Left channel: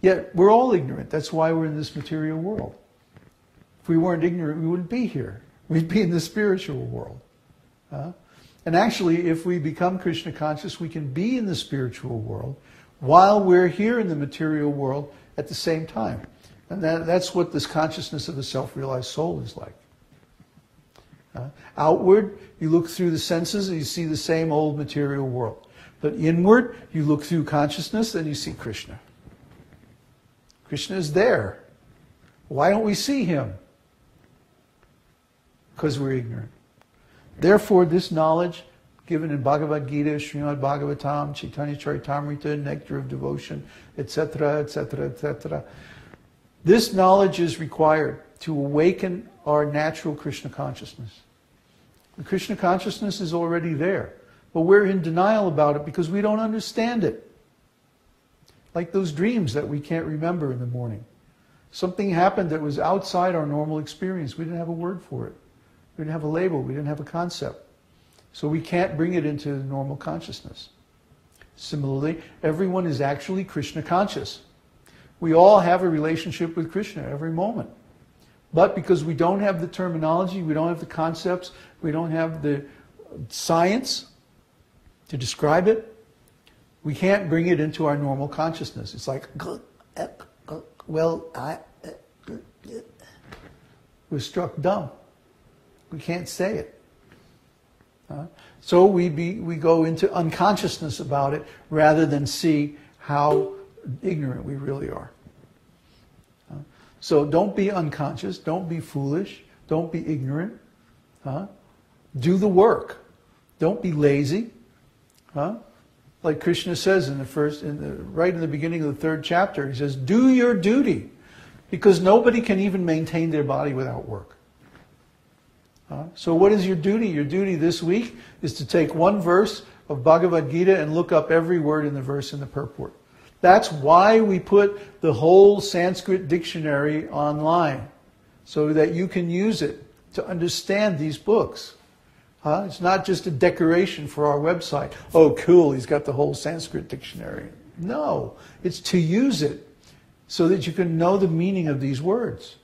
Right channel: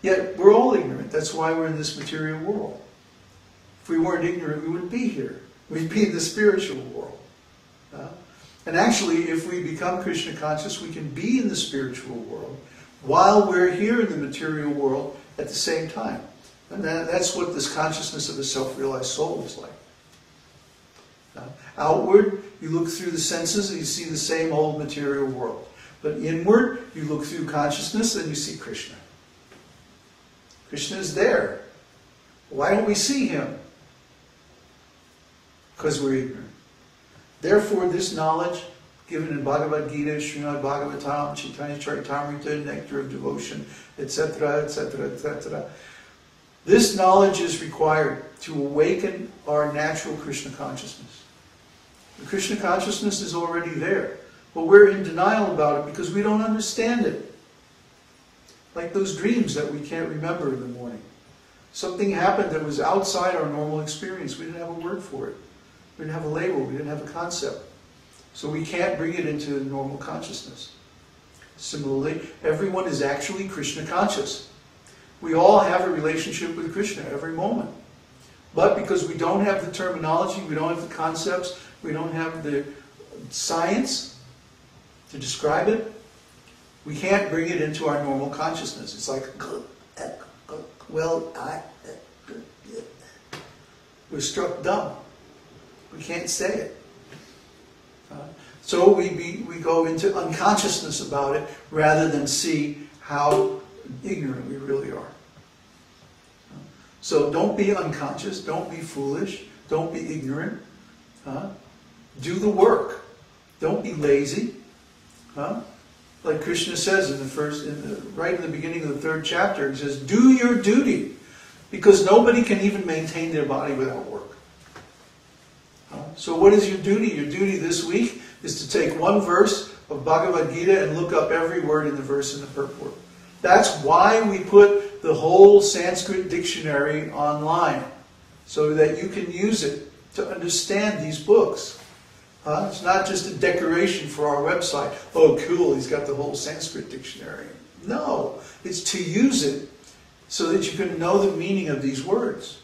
Yet we're all ignorant. That's why we're in this material world. If we weren't ignorant, we wouldn't be here. We'd be in the spiritual world. And actually, if we become Krishna conscious, we can be in the spiritual world while we're here in the material world at the same time. And that's what this consciousness of the self-realized soul is like. Outward, you look through the senses and you see the same old material world. But inward, you look through consciousness and you see Krishna. Krishna is there. Why don't we see him? Because we're ignorant. Therefore, this knowledge given in Bhagavad-gītā, śrī-bhagavān, Chaitanya Charitamrita, Nectar of Devotion, etc., etc., etc. This knowledge is required to awaken our natural Krishna consciousness. The Krishna consciousness is already there, but we're in denial about it because we don't understand it. Like those dreams that we can't remember in the morning. Something happened that was outside our normal experience. We didn't have a word for it. We didn't have a label. We didn't have a concept. So we can't bring it into normal consciousness. Similarly, everyone is actually Krishna conscious. We all have a relationship with Krishna every moment. But because we don't have the terminology, we don't have the concepts, we don't have the science to describe it, we can't bring it into our normal consciousness. It's like, well, we're struck dumb. We can't say it. So we go into unconsciousness about it rather than see how ignorant we really are. So don't be unconscious, don't be foolish, don't be ignorant. Do the work. Don't be lazy. Like Krishna says right in the beginning of the 3rd chapter, he says, do your duty, because nobody can even maintain their body without work. So what is your duty? Your duty this week is to take one verse of Bhagavad-gītā and look up every word in the verse in the purport. That's why we put the whole Sanskrit dictionary online, so that you can use it to understand these books. It's not just a decoration for our website. Oh, cool, he's got the whole Sanskrit dictionary. No, it's to use it so that you can know the meaning of these words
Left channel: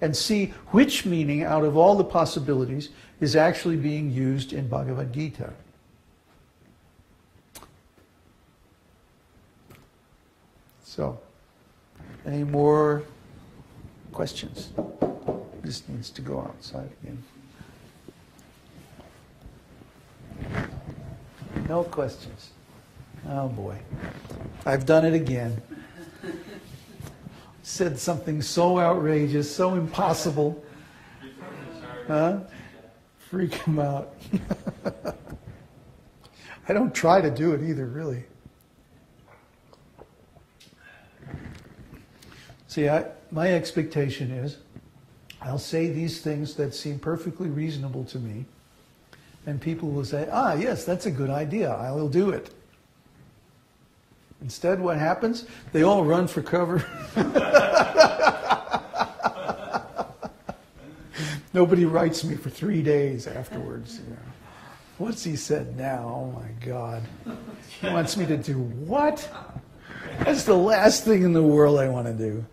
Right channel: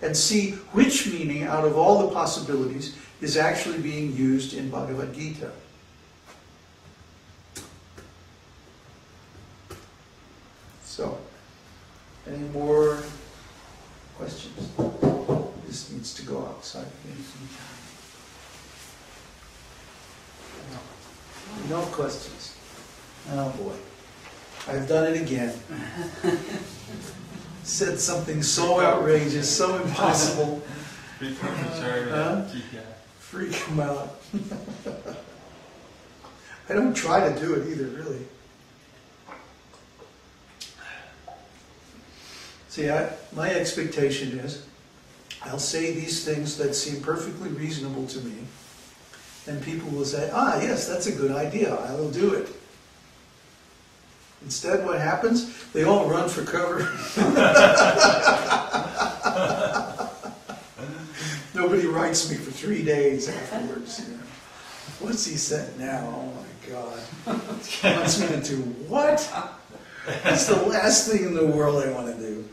and see which meaning out of all the possibilities is actually being used in Bhagavad-gītā. So, any more questions? This needs to go outside. No questions. Oh boy. I've done it again. Said something so outrageous, so impossible. Freak him out. I don't try to do it either, really. See, my expectation is I'll say these things that seem perfectly reasonable to me, and people will say, ah, yes, that's a good idea, I will do it. Instead, what happens? They all run for cover. Nobody writes me for 3 days afterwards. You know. What's he said now? Oh my God. He wants me to do what? That's the last thing in the world I want to do.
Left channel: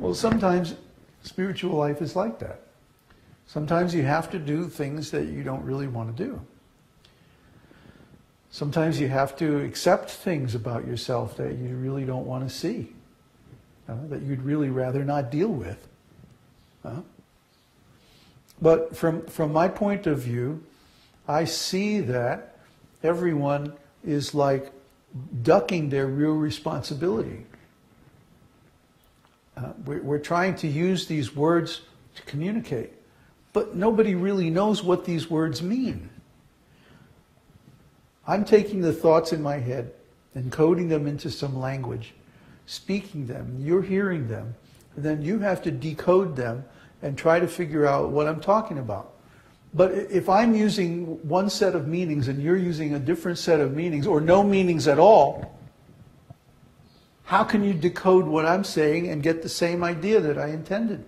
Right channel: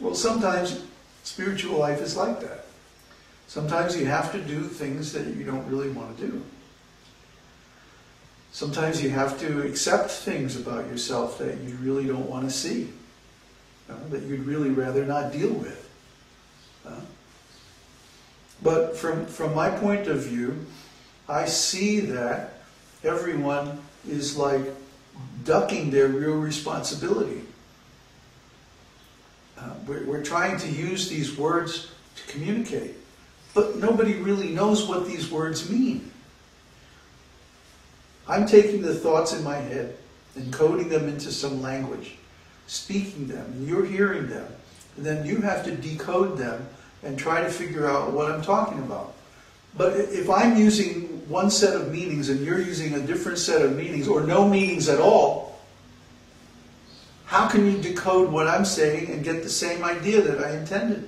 Well, sometimes spiritual life is like that. Sometimes you have to do things that you don't really want to do. Sometimes you have to accept things about yourself that you really don't want to see, that you'd really rather not deal with. But from my point of view, I see that everyone is like ducking their real responsibility. We're trying to use these words to communicate, but nobody really knows what these words mean. I'm taking the thoughts in my head and coding them into some language, speaking them, and you're hearing them, and then you have to decode them and try to figure out what I'm talking about. But if I'm using one set of meanings and you're using a different set of meanings, or no meanings at all, how can you decode what I'm saying and get the same idea that I intended?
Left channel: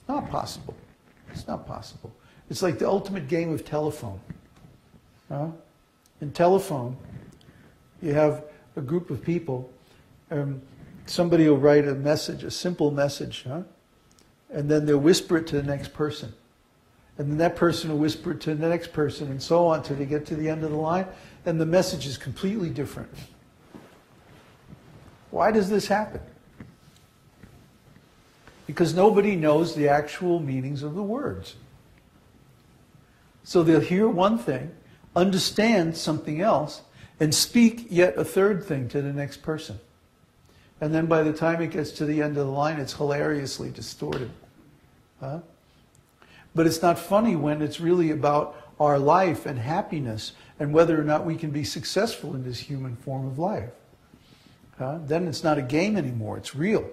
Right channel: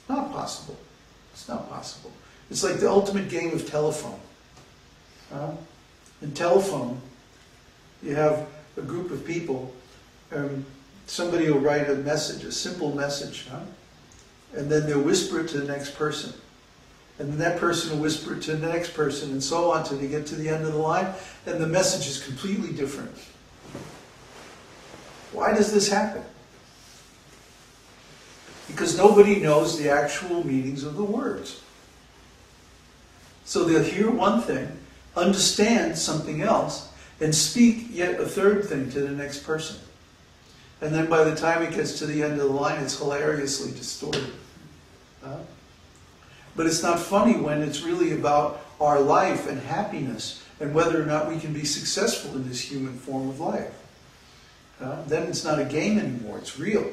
It's not possible. It's not possible. It's like the ultimate game of telephone. In telephone, you have a group of people, somebody will write a message, a simple message, huh? And then they'll whisper it to the next person. And then that person will whisper it to the next person, and so on till they get to the end of the line, and the message is completely different. Why does this happen? Because nobody knows the actual meanings of the words. So they'll hear one thing, understand something else, and speak yet a third thing to the next person. And then by the time it gets to the end of the line, it's hilariously distorted. Huh? But it's not funny when it's really about our life and happiness and whether or not we can be successful in this human form of life. Then it's not a game anymore, it's real.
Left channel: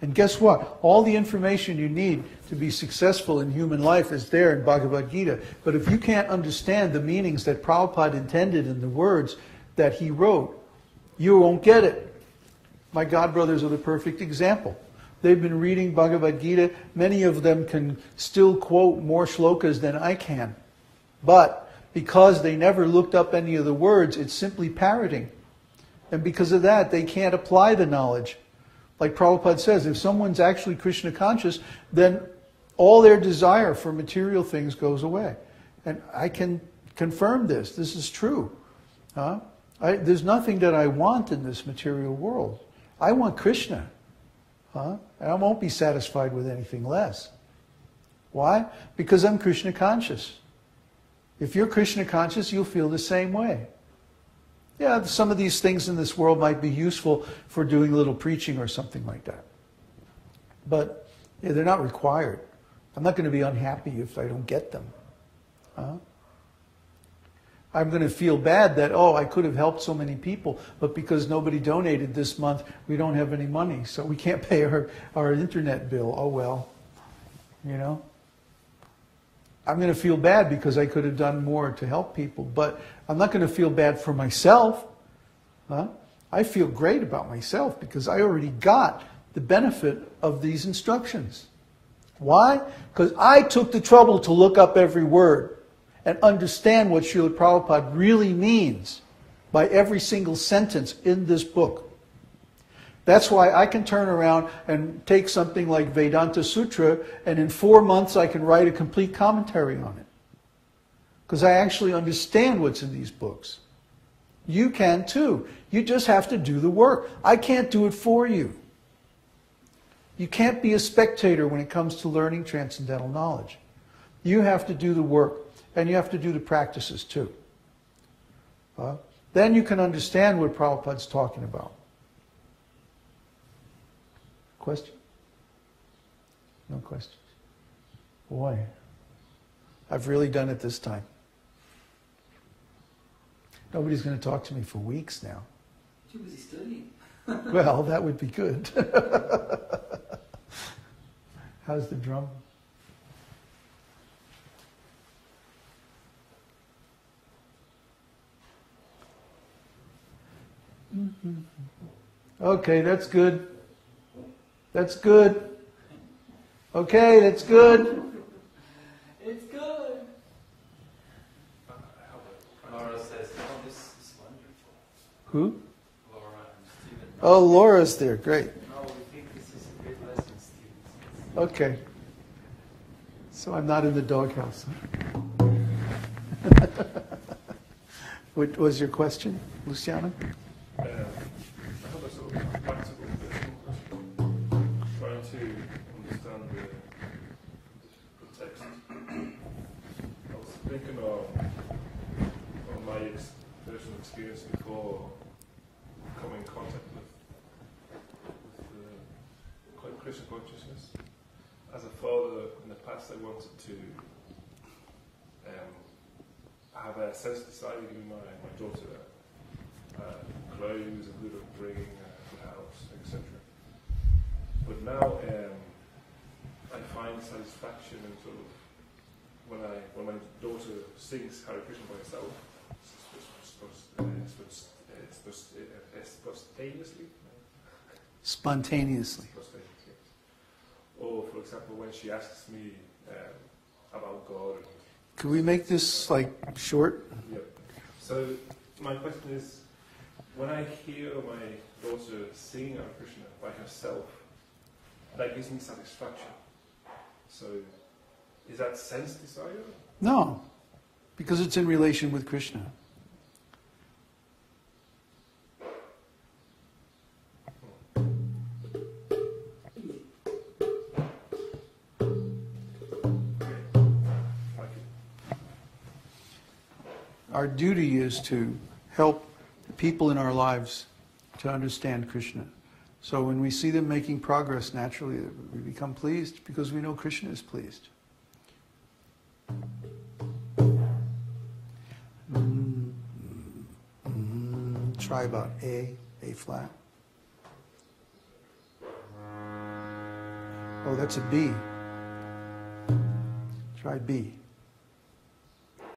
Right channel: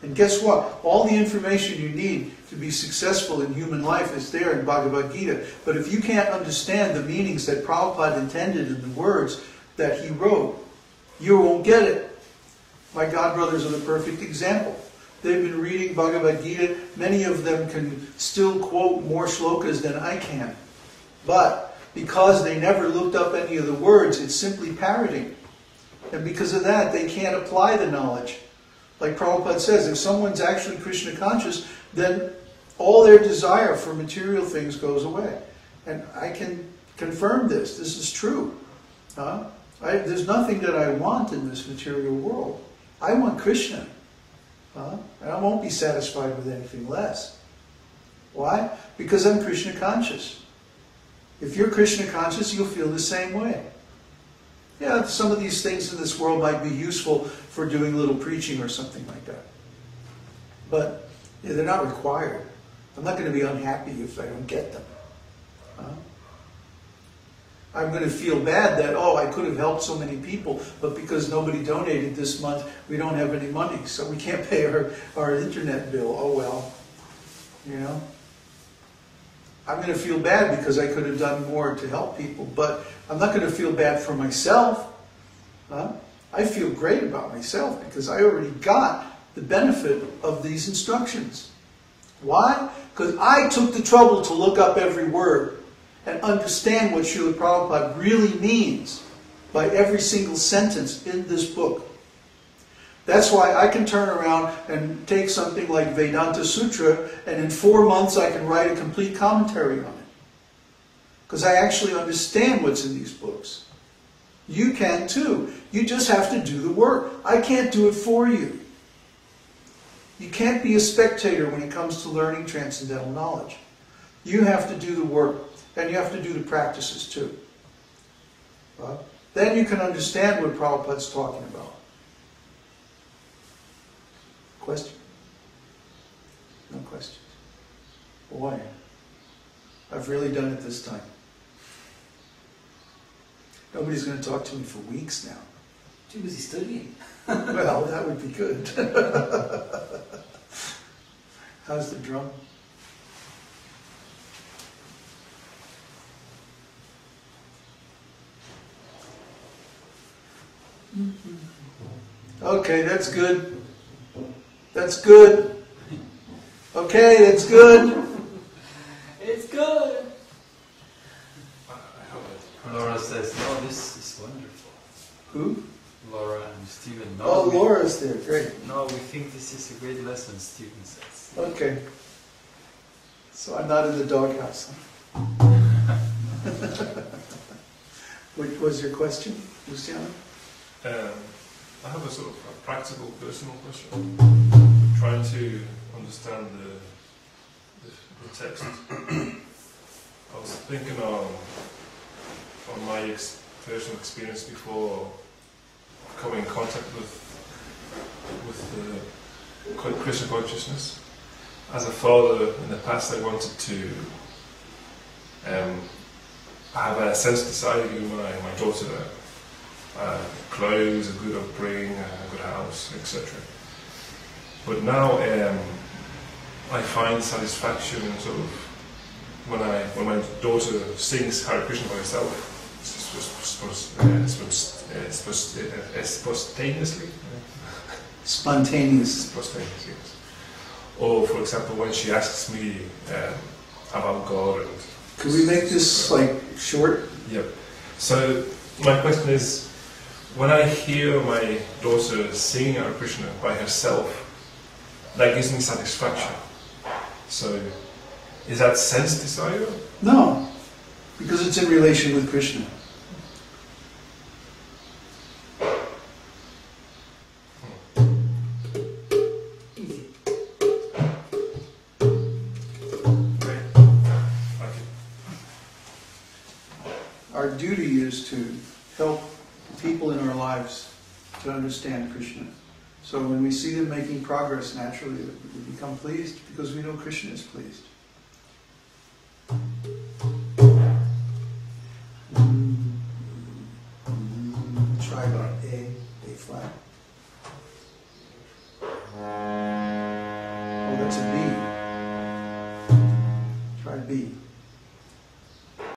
And guess what? All the information you need to be successful in human life is there in Bhagavad-gītā. But if you can't understand the meanings that Prabhupada intended in the words that he wrote, you won't get it. My godbrothers are the perfect example. They've been reading Bhagavad-gītā. Many of them can still quote more shlokas than I can. But because they never looked up any of the words, it's simply parroting. And because of that, they can't apply the knowledge. Like Prabhupada says, if someone's actually Krishna conscious, then all their desire for material things goes away. And I can confirm this. This is true. There's nothing that I want in this material world. I want Krishna. And I won't be satisfied with anything less. Why? Because I'm Krishna conscious. If you're Krishna conscious, you'll feel the same way. Yeah, some of these things in this world might be useful for doing a little preaching or something like that. But yeah, they're not required. I'm not going to be unhappy if I don't get them. I'm going to feel bad that, oh, I could have helped so many people, but because nobody donated this month, we don't have any money, so we can't pay our internet bill. Oh, well, you know. I'm going to feel bad because I could have done more to help people, but I'm not going to feel bad for myself. I feel great about myself because I already got the benefit of these instructions. Why? Because I took the trouble to look up every word and understand what Srila Prabhupada really means by every single sentence in this book. That's why I can turn around and take something like Vedanta Sutra, and in 4 months I can write a complete commentary on it. Because I actually understand what's in these books. You can too. You just have to do the work. I can't do it for you. You can't be a spectator when it comes to learning transcendental knowledge. You have to do the work. And you have to do the practices too. Then you can understand what Prabhupada's talking about. Question? No questions? Boy, I've really done it this time. Nobody's going to talk to me for weeks now. Too busy studying. Well, that would be good. How's the drum? Okay, that's good. That's good. Okay, that's good. It's good. Laura says, "Oh, this is wonderful." Who? Laura and Stephen. No, Oh, Laura's there. Great. No, we think this is a great lesson, Stephen says. Okay. So I'm not in the doghouse, huh? What was your question, Luciano? I have a sort of practical, personal question. Trying to understand the text. I was thinking of my personal experience before coming in contact with Krishna consciousness. As a father, in the past, I wanted to have a sense of desire to give my daughter clothes, a good upbringing, a good house, etc. But now I find satisfaction sort of when my daughter sings Hare Krishna by herself, spontaneously. Spontaneous. Yes. Or, for example, when she asks me about God. And Can we make this like short? Yep. So my question is, when I hear my daughter singing Hare Krishna by herself, that gives me satisfaction. So, is that sense desire? No, because it's in relation with Krishna. Our duty is to help people in our lives to understand Krishna. So when we see them making progress, naturally we become pleased because we know Krishna is pleased. Try about A flat. Oh, that's a B. Try B.